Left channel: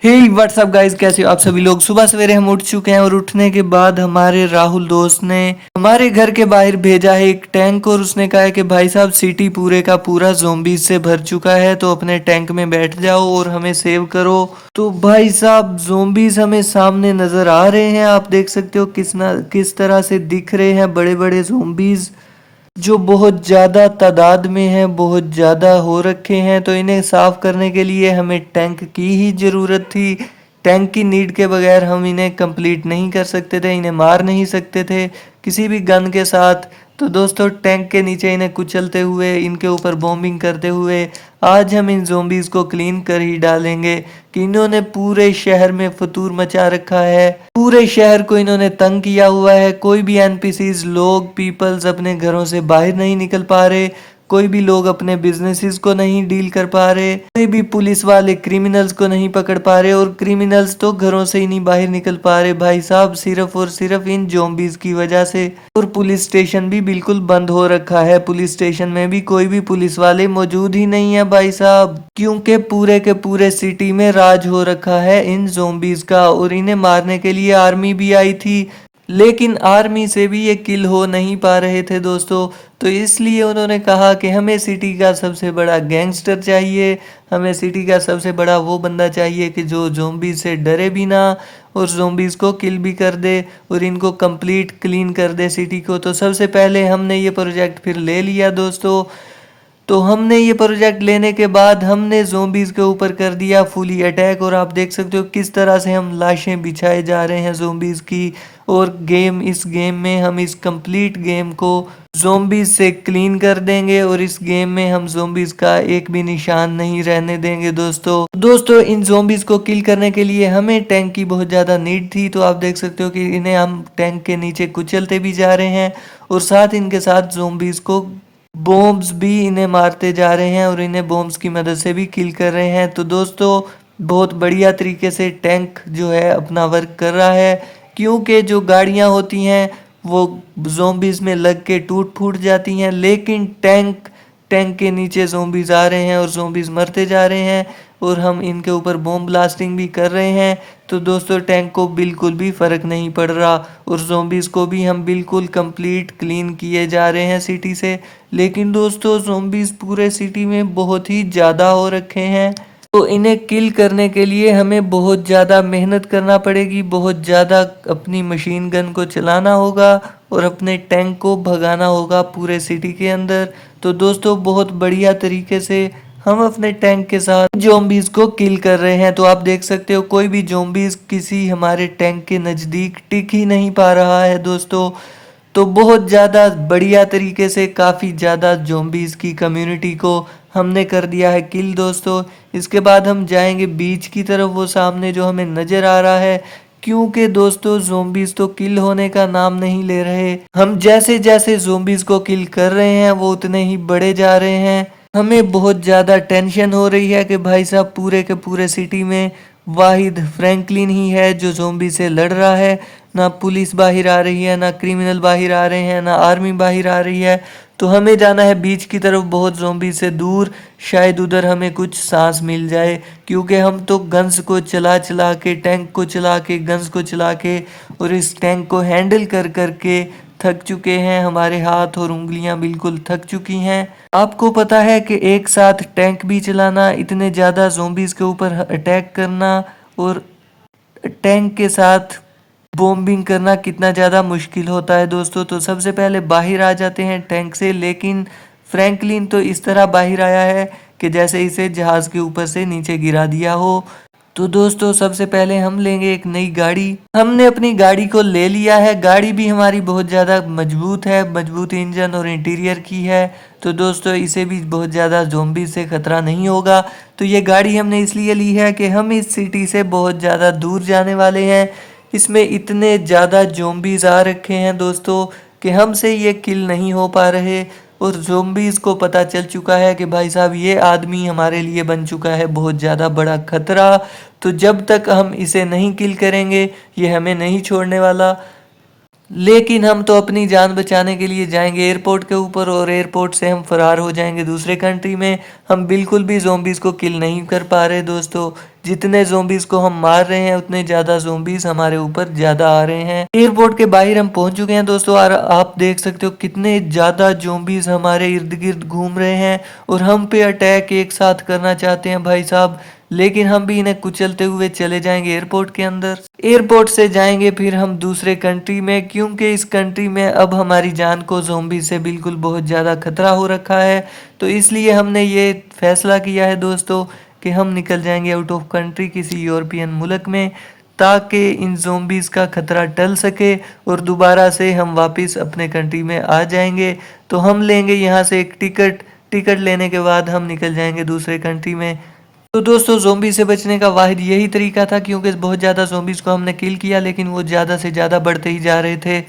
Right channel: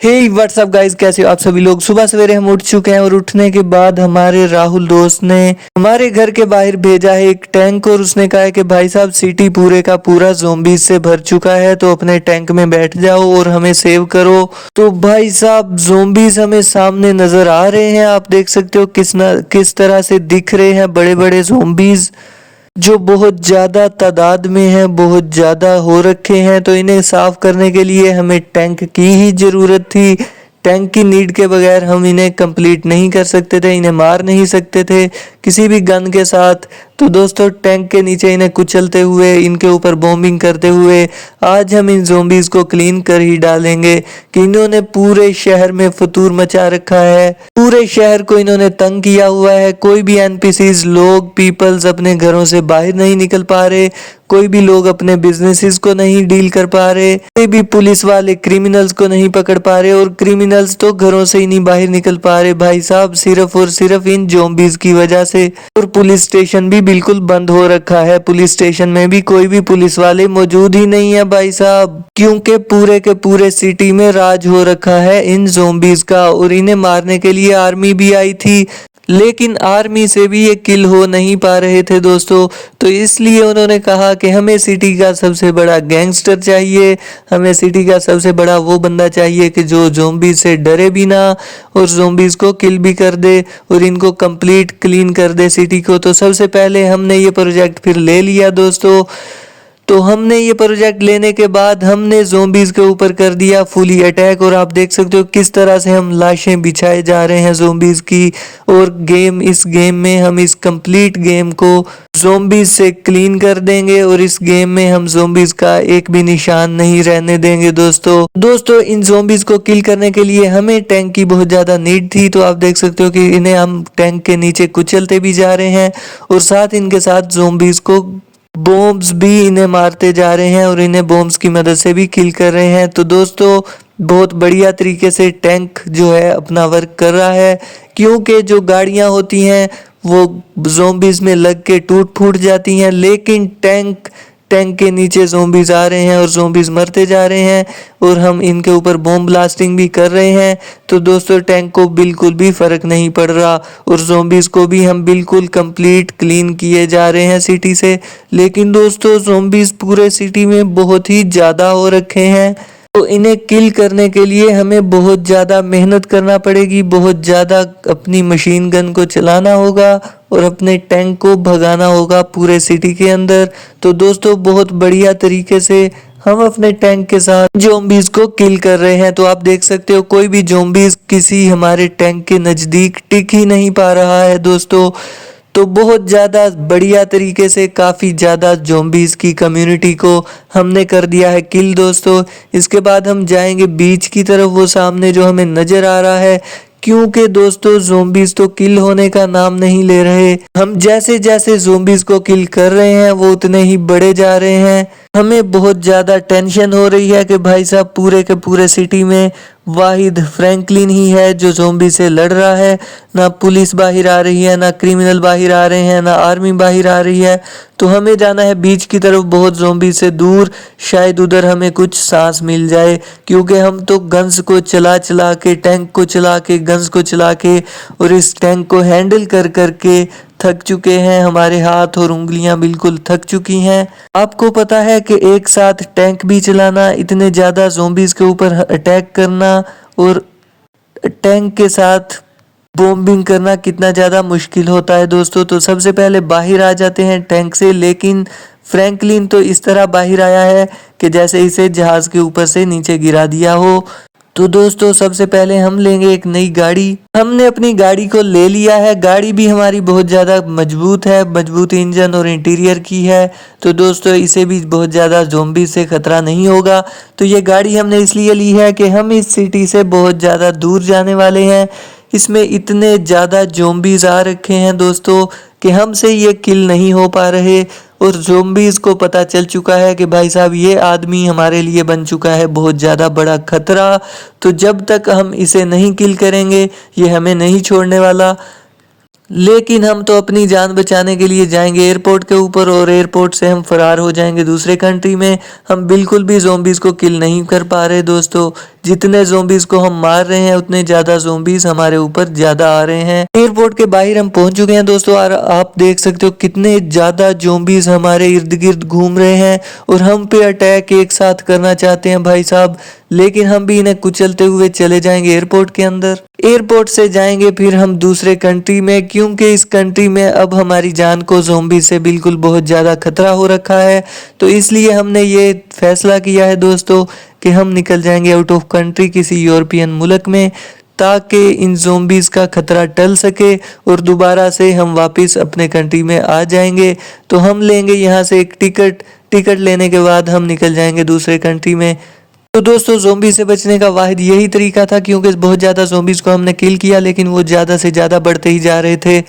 हे WhatsApp guys, कैसे हो आप सभी लोग। सुबह सवेरे हम उठ चुके हैं और उठने के बाद हमारे राहुल दोस्त ने हमारे घर के बाहर भेजा है एक टैंक और उसने कहा है कि भाई साहब सिटी पूरे का पूरा ज़ोंबीज से भर चुका है, तो अपने टैंक में बैठ जाओ और हमें सेव करो। तो भाई साहब ज़ोंबीज हमें सामने नजर आ रहे हैं, आप देख सकते हो किस तरह से दिख रहे हैं बड़े बड़े ज़ोंबीज जो बहुत ज़्यादा तादाद में है, बहुत ज़्यादा हो रखे हैं। तो इन्हें साफ करने के लिए हमें टैंक की ही ज़रूरत थी। टैंक की नीड के बगैर हम इन्हें कंप्लीट नहीं कर सकते थे, इन्हें मार नहीं सकते थे किसी भी गन के साथ। तो दोस्तों टैंक के नीचे इन्हें कुचलते हुए, इनके ऊपर बॉम्बिंग करते हुए आज हम इन ज़ोंबीज को क्लीन कर ही डालेंगे कि इन्होंने पूरे शहर में फतूर मचा रखा है। पूरे शहर को इन्होंने तंग किया हुआ है। कोई भी एनपीसीज लोग पीपल्स अपने घरों से बाहर नहीं निकल पा रहे, कोई भी लोग अपने बिजनेसेस को नहीं डील कर पा रहे, कोई भी पुलिस वाले क्रिमिनल्स को नहीं पकड़ पा रहे, और क्रिमिनल्स तो घरों से ही नहीं बाहर निकल पा रहे भाई साहब, सिर्फ और सिर्फ इन ज़ोंबीज की वजह से। और पुलिस स्टेशन भी बिल्कुल बंद हो रखा है, पुलिस स्टेशन में भी कोई भी पुलिस वाले मौजूद ही नहीं है भाई साहब, क्योंकि पूरे के पूरे सिटी में राज हो रखा है इन ज़ोंबीज का। और इन्हें मारने के लिए आर्मी भी आई थी, लेकिन आर्मी से भी ये किल हो नहीं पा रहे थे दोस्तों। तो इसलिए उन्होंने कहा कि हमें सिटी का सबसे बड़ा गैंगस्टर चाहिए, हमें सिटी का सबसे बड़ा वो बंदा चाहिए कि जो ज़ोंबी से डरे भी ना और ज़ोंबीज को किल भी कर दे और इनको कंप्लीट क्लीन कर दे सिटी को। तो सबसे पहले हमने ये प्रोजेक्ट फिर ले लिया दोस्तों। तो हमने ये प्रोजेक्ट लेने के बाद हमने ज़ोंबीज के ऊपर कर दिया फुली अटैक, और आप देख सकते हो किस तरह से हम लाशें बिछाए जा रहे हैं ज़ोंबीज की। और इस गेम में हम इस कंप्लीट गेम को ज़ोंबीज से क्लीन कर देंगे और इस गेम में हम ज़ोंबीज का एक भी निशान नहीं रहने देंगे दोस्तों इन ज़ोंबीज को किल करने के लिए हमें टैंक की बहुत ज़्यादा नीड थी। तो आप देख सकते हो कि इन्हें हम टैंक के नीचे कुचलते भी जा रहे हैं और साथ इनके साथ ज़ोंबीज को बॉम्ब्स भी इन्हें मारते जा रहे हैं और इन्हें बॉम्ब्स की मदद से भी किल कर रहे हैं। तो दोस्तों बहुत बढ़िया तरीके से टैंक जो है अपना वर्क कर रहा है, क्योंकि जो गाड़ियां होती हैं वो ज़ोंबीज में लग के टूट फूट जाती हैं, लेकिन टैंक टैंक के नीचे ज़ोंबीज आ रहे हैं और ज़ोंबीज मरते जा रहे हैं और हम इनके ऊपर बॉम्ब ब्लास्टिंग भी कर रहे हैं। तो दोस्तों टैंक को बिल्कुल भी फ़र्क नहीं पड़ रहा और ज़ोंबीज को भी हम बिल्कुल कंप्लीट क्लीन किए जा रहे हैं सिटी से। लेकिन दोस्तों ज़ोंबीज पूरे सिटी में बहुत ही ज़्यादा हो रखे हैं, तो इन्हें किल करने के लिए हमें बहुत ज़्यादा मेहनत करना पड़ेगी, बहुत ज़्यादा अपनी मशीन गन को चलाना होगा और अपने टैंक को भगाना होगा पूरे सिटी के अंदर। तो दोस्तों बहुत बढ़िया तरीके से हम अपने टैंक के साथ ज़ोंबीज को किल कर रहे हैं। तो आप देख सकते हो कोई भी ज़ोंबीज किसी हमारे टैंक के नज़दीक टिक ही नहीं पा रहा है दोस्तों। तो बहुत ज़्यादा बढ़िया तरीके से काफ़ी ज़्यादा ज़ोंबीज़ की कम्युनिटी को हमने कर दिया है किल दोस्तों। इसके बाद हम जाएंगे बीच की तरफ, वो सामने जो हमें नज़र आ रहा है, क्योंकि दोस्तों ज़ोंबीज़ तो किल होने का नाम नहीं ले रहे। हम जैसे जैसे ज़ोंबीज़ को किल कर रहे हैं वो उतने ही बड़े जा रहे हैं। हमें बहुत ज़्यादा टेंशन हो रही है कि भाई साहब पूरे के पूरे सिटी में वाहिद फ्रैंकलिन ही है जो ज़ोंबी से लड़ रहा है। ना पुलिस बाहर आ रही है, ना क्रिमिनल बाहर आ रहे हैं, ना आर्मी बाहर आ रही है। तो हमें जाना है बीच की तरफ बहुत ज़ोंबी से दूर, शायद उधर हमें कुछ सांस मिल जाए, क्योंकि हम तो गन्स को चला चला के, टैंक को चला के, गन्स को चला के और इस टैंक को हैंडल कर कर के थक चुके हैं। हमारे हाथ और उंगलियां बिल्कुल थक चुकी हैं। आपको पता है कि एक साथ टैंक भी चलाना, इतने ज़्यादा ज़ोंबीज़ के ऊपर अटैक करना और टैंक के साथ बॉम्बिंग करना कितना ज़्यादा मुश्किल होता है दोस्तों। तो सबसे पहले बाहर आ जाते हैं टैंक से, लेकिन फ्रैंकलिन तो इस तरह बाहर आया है कि जैसे इसे जहाज़ के ऊपर से नीचे गिरा दिया हो। तो दोस्तों सबसे पहले हम लेंगे एक नई गाड़ी। हमने अपनी गाड़ी को ले लिया है, गाड़ी भी हमारी बहुत ज़्यादा मजबूत है, मजबूत इंजन और इंटीरियर की है। तो दोस्तों इसे भी बहुत ज़्यादा ज़ोंबी से ख़तरा नहीं होगा। तो ये गाड़ी हमने इसलिए ली है कि हम इस सिटी से बहुत ज़्यादा दूर जाने वाले हैं। इसमें इतने ज़्यादा ज़ोंबीज़ आ रखे हैं दोस्तों कि हमसे ये किल नहीं हो पा रहे, और ज़ोंबीज़ को पता चल चुका है कि भाई साहब ये आदमी हमारे लिए बन चुका है बहुत ज़्यादा बड़ा खतरा। तो जब तक हम इसे नहीं किल करेंगे ये हमें नहीं छोड़ने वाला। लेकिन हम तो अपनी जान बचाने के लिए जाएंगे एयरपोर्ट के ऊपर और एयरपोर्ट से हम फरार हो जाएंगे दूसरे कंट्री में। हम बिल्कुल भी ज़ोंबीज़ को किल नहीं कर पा रहे दोस्तों, जितने ज़ोंबीज को हम मार रहे हैं उतने ज़्यादा ज़ोंबीज हमारे ऊपर ज़्यादा आ रहे हैं। एयरपोर्ट के बाहर हम पहुंच चुके हैं दोस्तों, और आप देख सकते हो कितने ज़्यादा ज़ोंबीज हमारे इर्द गिर्द घूम रहे हैं और हम पे अटैक एक साथ करना चाहते हैं भाई साहब। लेकिन हम भी इन्हें कुचलते हुए चले जाएंगे एयरपोर्ट के अंदर। एयरपोर्ट से जाएंगे फिर हम दूसरे कंट्री में, क्योंकि इस कंट्री में अब हमारी जान को ज़ोंबी से बिल्कुल बहुत ज़्यादा खतरा हो रखा है। तो इसलिए हमने ये फैसला किया है दोस्तों कि हम निकल जाएंगे आउट ऑफ कंट्री किसी यूरोपियन मुल्क में, ताकि इन ज़ोंबीज का खतरा टल सके और दोबारा से हम वापस अपने कंट्री में आ जाएंगे। तो हम लेंगे यहाँ से एक टिकट, टिकट लेने के बाद हम निकल जाएंगे दूसरे कंट्री में। तो दोस्तों ज़ोंबी से बचने का वाहिद यही तरीका था, क्योंकि बहुत ज़्यादा ज़ोंबीज़ को हमने किल किया लेकिन वो ज़्यादा से ज़्यादा बढ़ते ही जा रहे थे।